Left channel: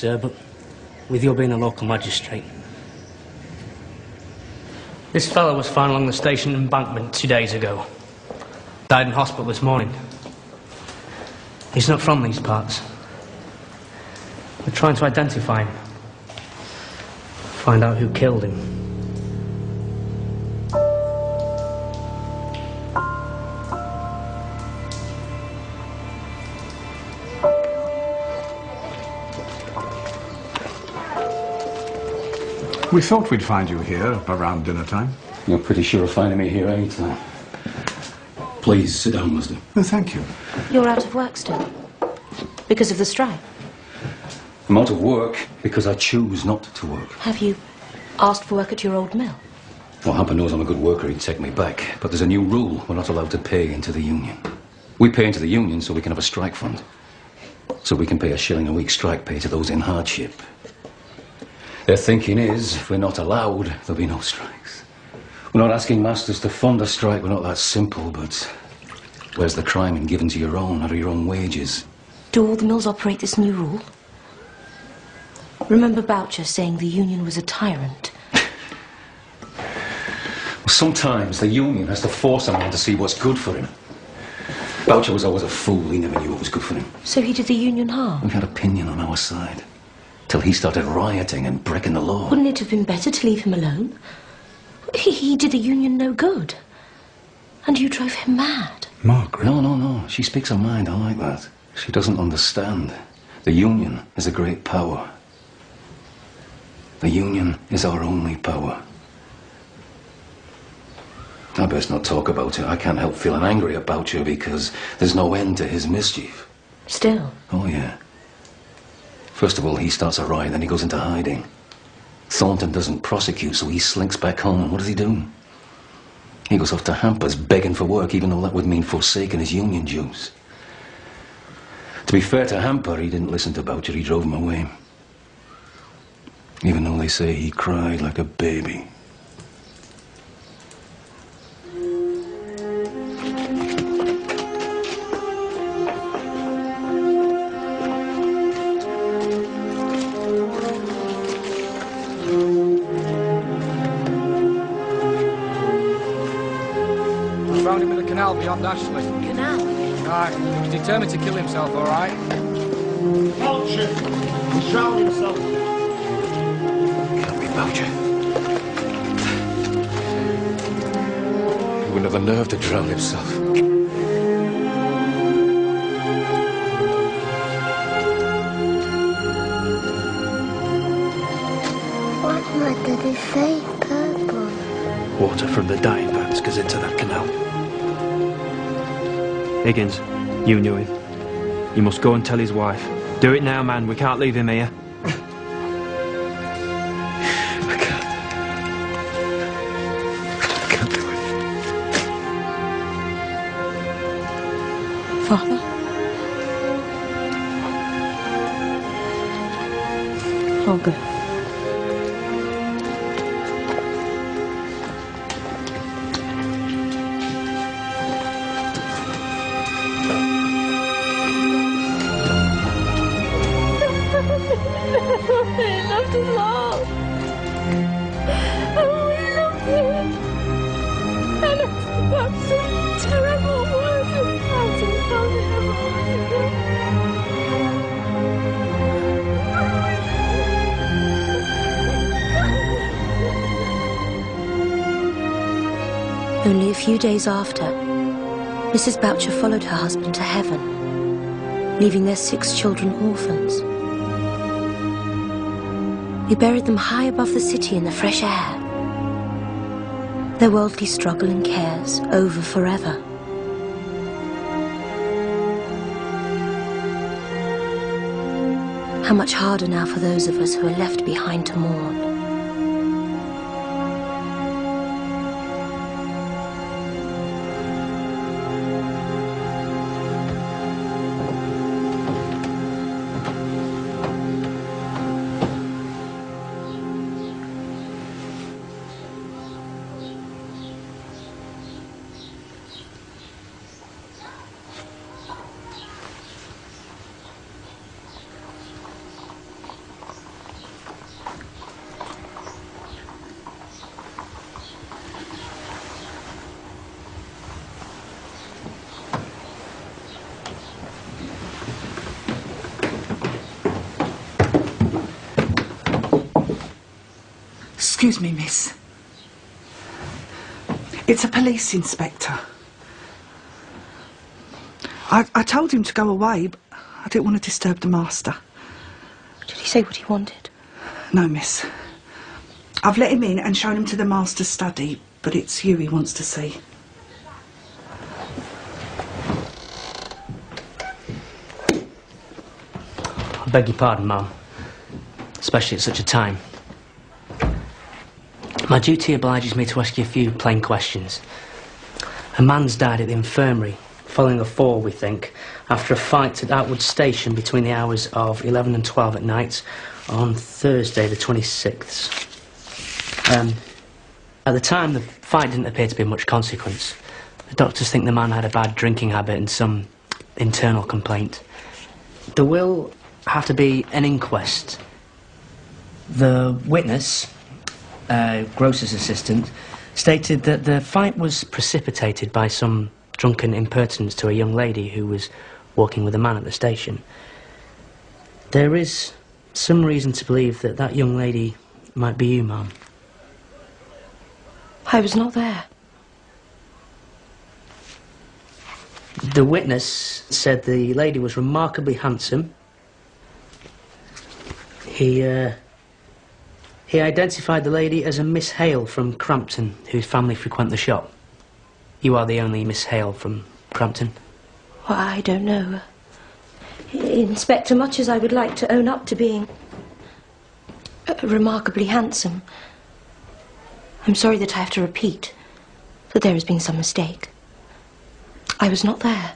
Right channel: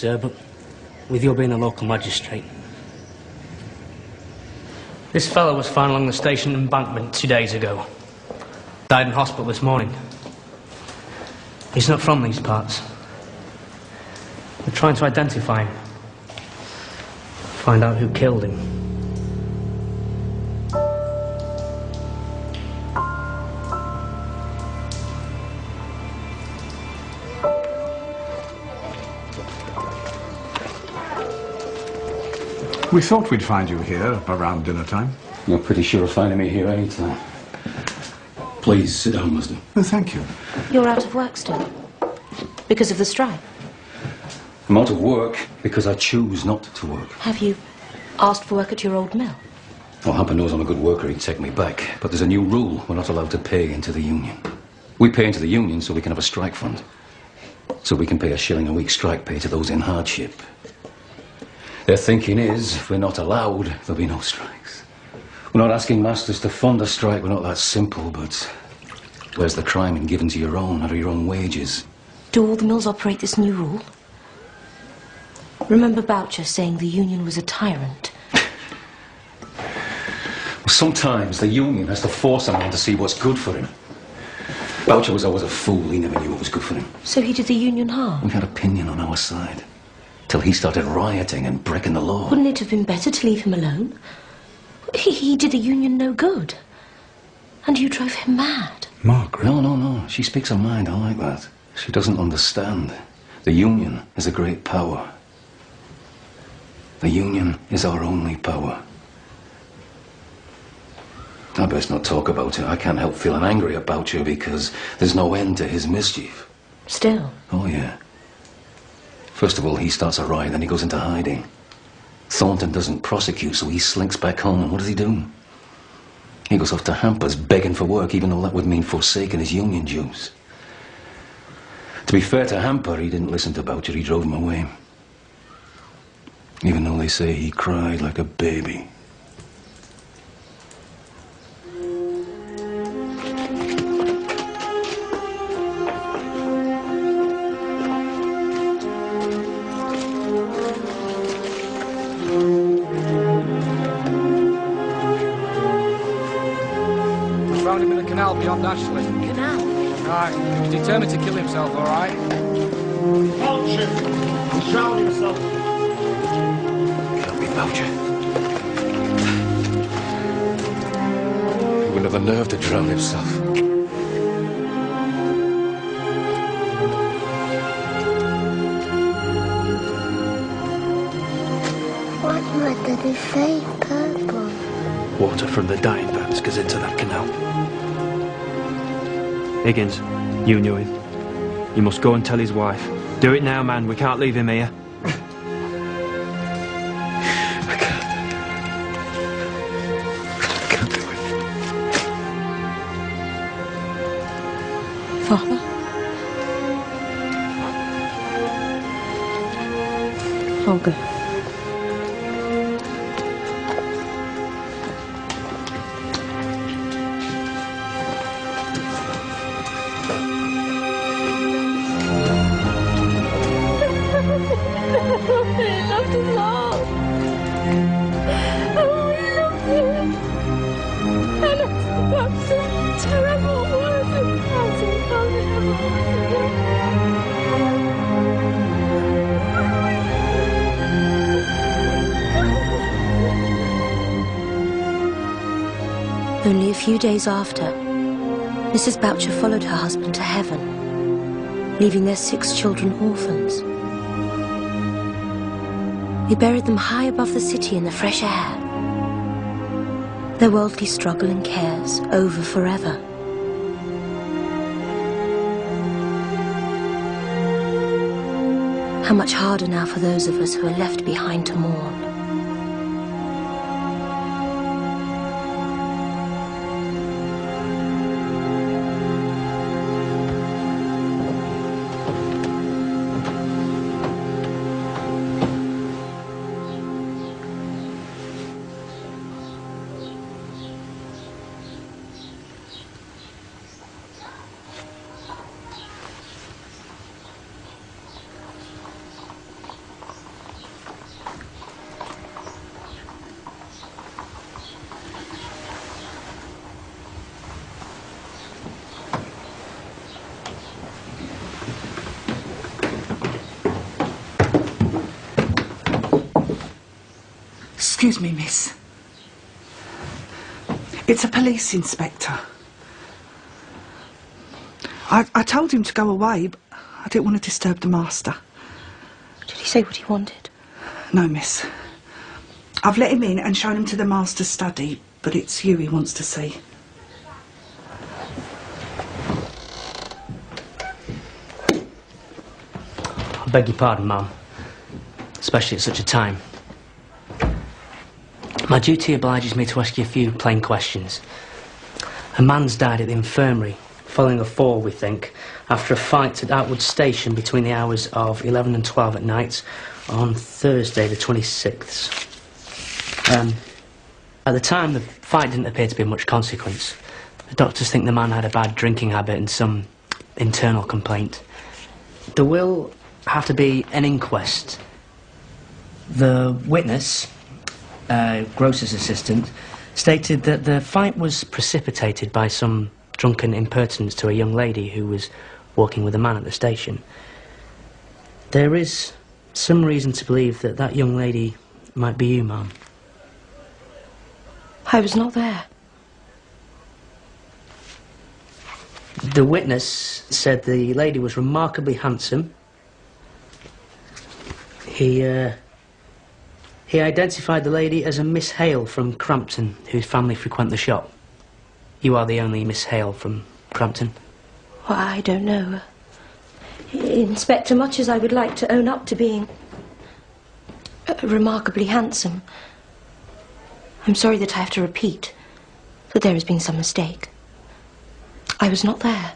Sir, but with your being a local magistrate, this fellow was found along the station embankment 2 days ago. Died in hospital this morning. He's not from these parts. We're trying to identify him. Find out who killed him. We thought we'd find you here around dinner time. You're pretty sure of finding me here any time. Please, sit down, Master. Oh, thank you. You're out of work still? Because of the strike? I'm out of work because I choose not to work. Have you asked for work at your old mill? Well, Hamper knows I'm a good worker, he'd take me back. But there's a new rule. We're not allowed to pay into the union. We pay into the union so we can have a strike fund. So we can pay £1 a week strike pay to those in hardship. Their thinking is, if we're not allowed, there'll be no strikes. We're not asking masters to fund a strike, we're not that simple, but where's the crime in giving to your own, out of your own wages? Do all the mills operate this new rule? Remember Boucher saying the union was a tyrant? Well, sometimes the union has to force a man to see what's good for him. Boucher was always a fool, he never knew what was good for him. So he did the union harm? We had opinion on our side. Till he started rioting and breaking the law. Wouldn't it have been better to leave him alone? He did the union no good. And you drove him mad. Margaret? No. She speaks her mind. I like that. She doesn't understand. The union is a great power. The union is our only power. I best not talk about it. I can't help feeling angry about you because there's no end to his mischief. Still? Oh, yeah. First of all, he starts a riot, then he goes into hiding. Thornton doesn't prosecute, so he slinks back home, and what does he do? He goes off to Hampers begging for work, even though that would mean forsaking his union dues. To be fair to Hamper, he didn't listen to Boucher, he drove him away. Even though they say he cried like a baby. Found him in the canal beyond Ashley. Canal? Aye, he was determined to kill himself, all right? Boucher! He drowned himself. Can't be Boucher. He wouldn't have the nerve to drown himself. What did he say? Purple. Water from the dying vats goes into that canal. Higgins, you knew him. You must go and tell his wife. Do it now, man. We can't leave him here. I can't do it. Father? I'll go. He loved us all. And we loved him. And it's got some terrible words about him. Only a few days after, Mrs. Boucher followed her husband to heaven, leaving their 6 children orphans. He buried them high above the city in the fresh air. Their worldly struggle and cares over forever. How much harder now for those of us who are left behind to mourn. Excuse me, miss. It's a police inspector. I told him to go away, but I didn't want to disturb the master. Did he say what he wanted? No, miss. I've let him in and shown him to the master's study, but it's you he wants to see. I beg your pardon, ma'am. Especially at such a time. My duty obliges me to ask you a few plain questions. A man's died at the infirmary, following a fall, we think, after a fight at Outwood Station between the hours of 11 and 12 at night on Thursday the 26th. At the time, the fight didn't appear to be of much consequence. The doctors think the man had a bad drinking habit and some internal complaint. There will have to be an inquest. The witness, Grocer's assistant, stated that the fight was precipitated by some drunken impertinence to a young lady who was walking with a man at the station. There is some reason to believe that that young lady might be you, ma'am. I was not there. The witness said the lady was remarkably handsome. He identified the lady as a Miss Hale from Crampton, whose family frequent the shop. You are the only Miss Hale from Crampton? Well, I don't know. Inspector, much as I would like to own up to being remarkably handsome, I'm sorry that I have to repeat that there has been some mistake. I was not there.